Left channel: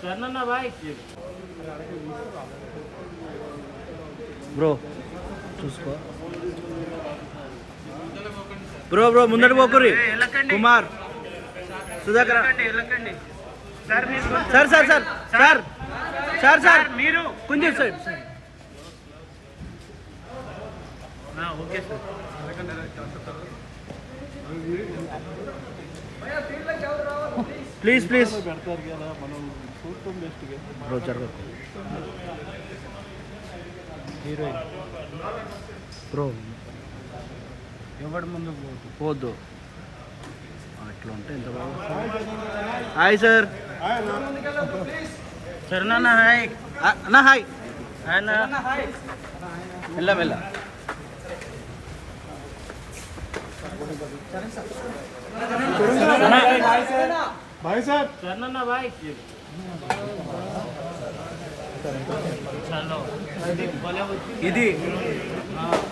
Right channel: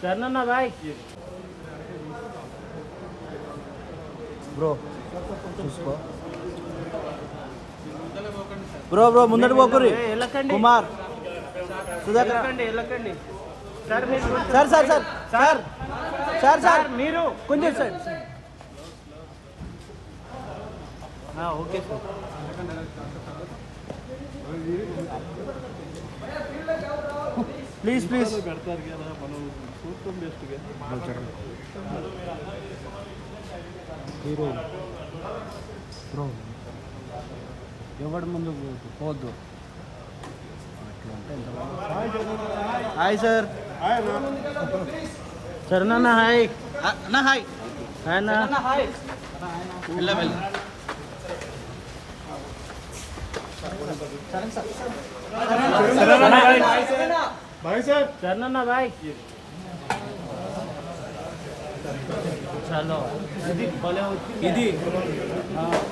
Charan bye bro చూసుకో bro bro ముందటి పోకురి కుమార్ సుధాకర్ వెళ్ళకండి sir sir sir sir sir sir మీరు కొంచెం sir okay sir please please పెడతారు కదా మనం చూడటం బెస్ట్గా బ్రో జరగదు హీరోయిన్ బ్రో ఎవరి ముందు పోద్దు అట్లా ఉంటే ఎంత బాగా హాయ్ సార్ చరణ్ అన్న హాయ్ అన్నా హాయ్ వెళ్ళ వెళ్ళ भाई साहब చరణ్ బాయ్ ఇది